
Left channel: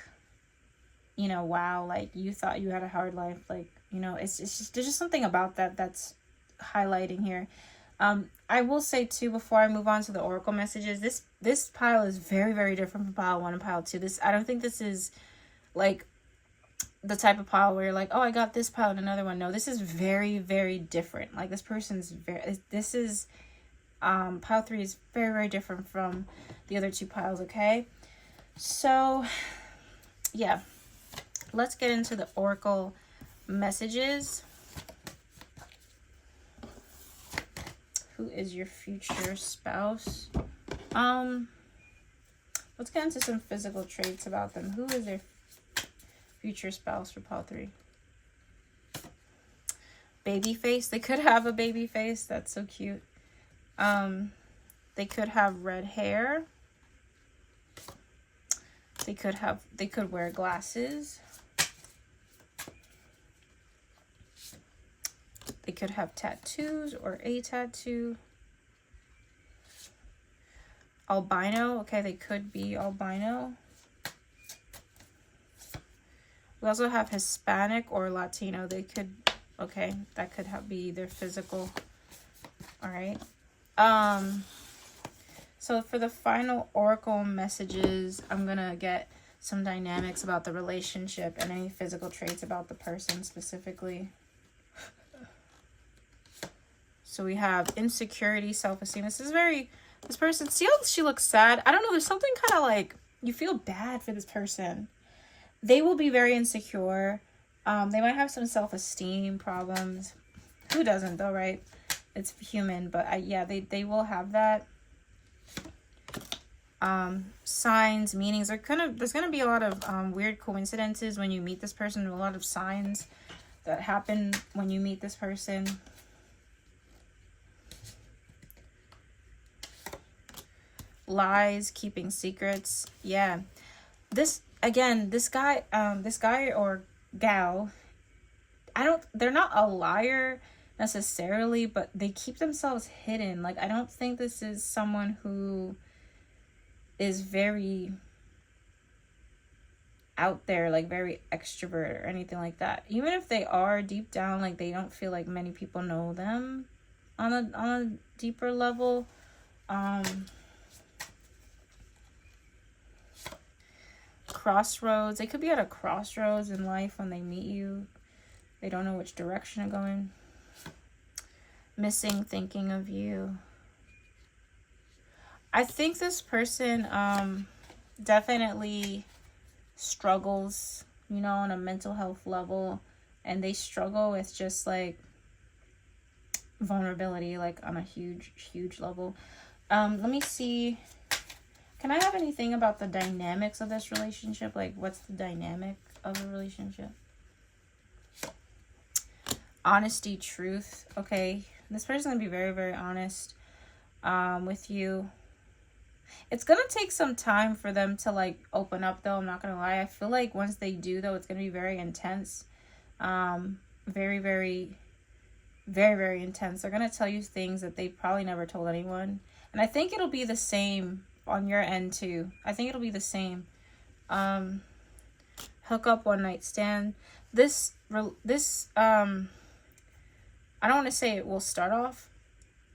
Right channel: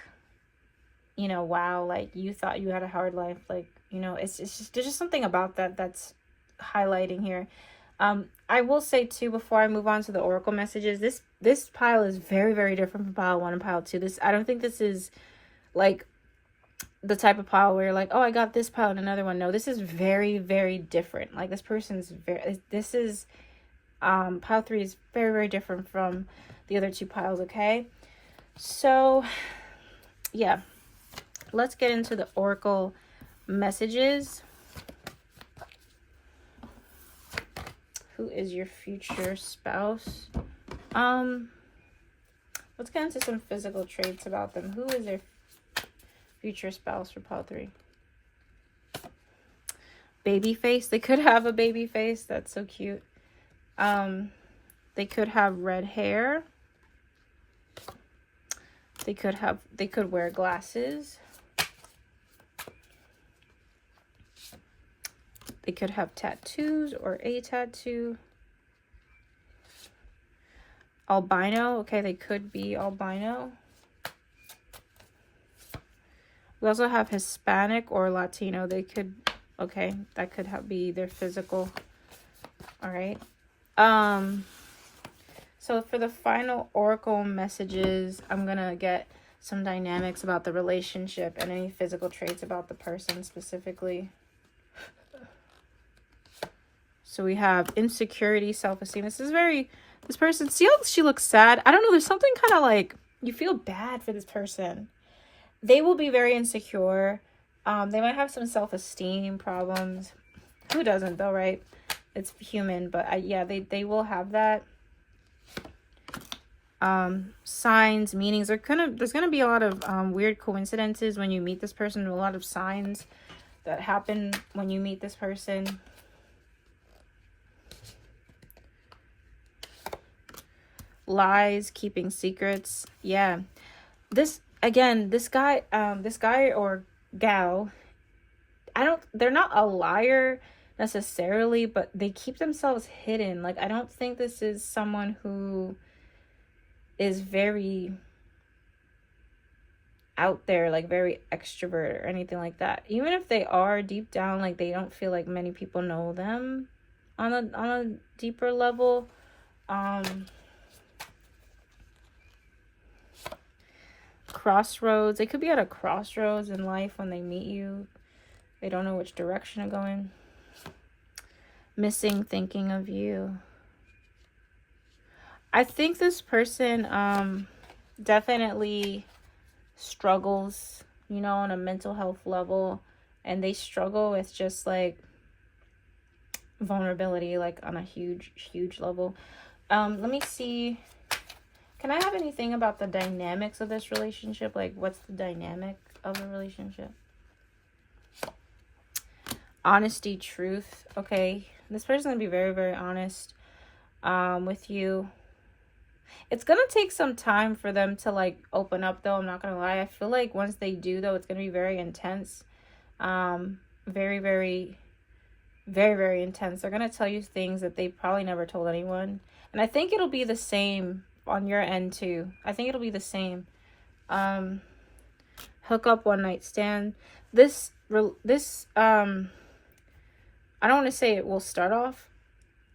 you know, wow, like you thought you had a hard life, like, you know, it's just, there's just something about that that's highlighting here. I will say too, before I move on to the oracle messages, this pile is very, very different from pile 1 and pile 2. I don't think this is like the type of pile where you're like, oh, I got this pile and another one. No, this is very, very different. Like, this person's pile 3 is very, very different from the other 2 piles. Okay, so yeah, let's get into the oracle messages. Who is your future spouse? Let's get into some physical traits about them. Who is their future spouse for pile 3? Baby face. They could have a baby face. That's so cute. They could have red hair. They could wear glasses. They could have tattoos or a tattoo. Albino. Okay, they could be albino. We also have Hispanic or Latino. They could, okay, that could be their physical. All right. So for the final oracle messages, I'm going to get some dynamics about the relationship and any physical traits about the person specifically. So we have insecurity, self-esteem. This person, see how she looks sad? I don't know, there's something kind of like, you feel bad for this person. They will be very insecure. They might have some self-esteem problems. Who doesn't though, right? It's human, but yeah, they will have that. Signs, meanings. There's gonna be a lot of weird coincidences when you meet this person. A lot of signs that happen when you meet this person. Lies, keeping secrets. Yeah, this guy or gal, they're not a liar necessarily, but they keep themselves hidden. Like, I don't think this is someone who is very out there, like very extrovert or anything like that. Even if they are, deep down, like, they don't feel like many people know them on a deeper level. Crossroads. They could be at a crossroads in life when they meet you. They don't know which direction to go in. Missing, thinking of you. I think this person definitely struggles, you know, on a mental health level, and they struggle with just like vulnerability, like on a huge level. Let me see. Can I have anything about the dynamics of this relationship? Like, what's the dynamic of a relationship? Honesty, truth. Okay, this person's gonna be very, very honest with you. It's gonna take some time for them to like open up though, I'm not gonna lie. I feel like once they do though, it's gonna be very intense. Very, very, very, very intense. They're gonna tell you things that they probably never told anyone. And I think it'll be the same on your end too. I think it'll be the same. Hookup, one night stand. This I don't want to say it will start off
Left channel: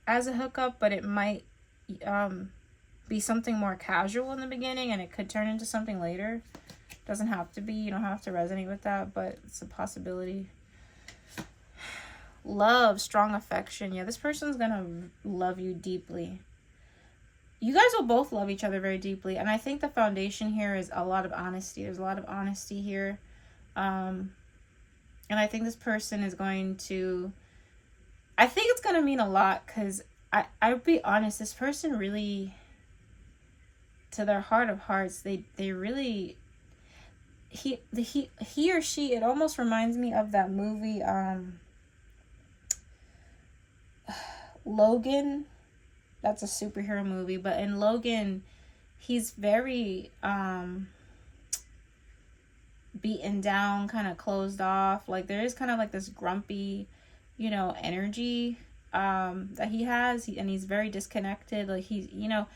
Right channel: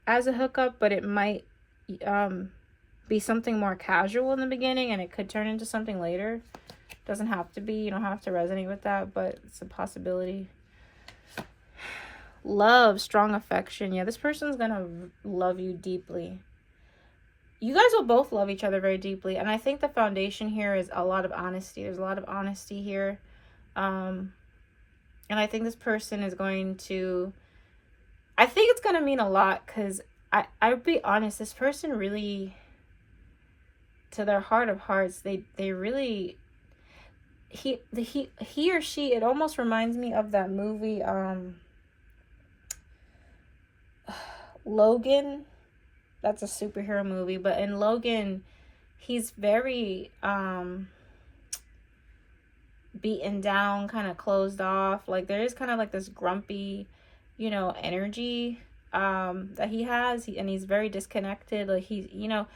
as a hookup, but it might be something more casual in the beginning, and it could turn into something later. Doesn't have to be. You don't have to resonate with that, but it's a possibility. Love, strong affection. Yeah, this person's gonna love you deeply. You guys will both love each other very deeply, and I think the foundation here is a lot of honesty. There's a lot of honesty here, and I think this person is going to, I think it's gonna mean a lot, because I'll be honest, this person really, to their heart of hearts, they really, he or she, it almost reminds me of that movie Logan. That's a superhero movie, but in Logan, he's very beaten down, kind of closed off. Like, there is kind of like this grumpy, you know, energy that he has, and he's very disconnected. Like, he's, you know,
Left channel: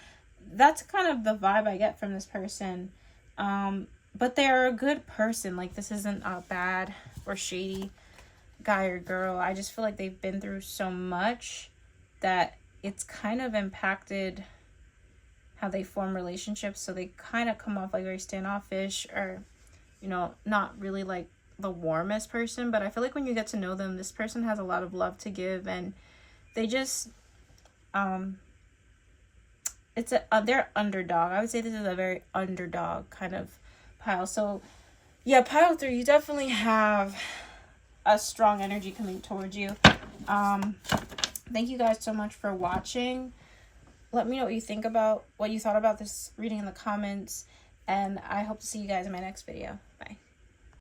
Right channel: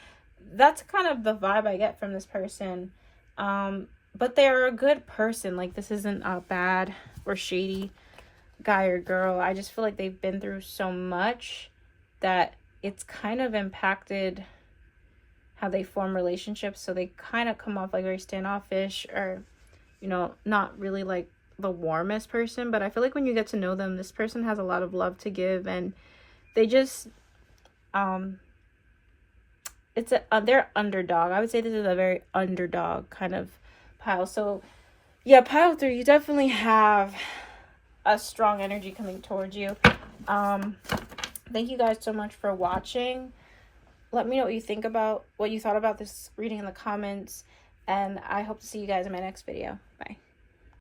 that's kind of the vibe I get from this person. But they are a good person. Like, this isn't a bad or shady guy or girl. I just feel like they've been through so much that it's kind of impacted how they form relationships. So they kind of come off like very standoffish, or, you know, not really like the warmest person. But I feel like when you get to know them, this person has a lot of love to give, and they just they're underdog. I would say this is a very underdog kind of pile. So yeah, pile 3, you definitely have a strong energy coming towards you. Thank you guys so much for watching. Let me know what you thought about this reading in the comments, and I hope to see you guys in my next video. Bye.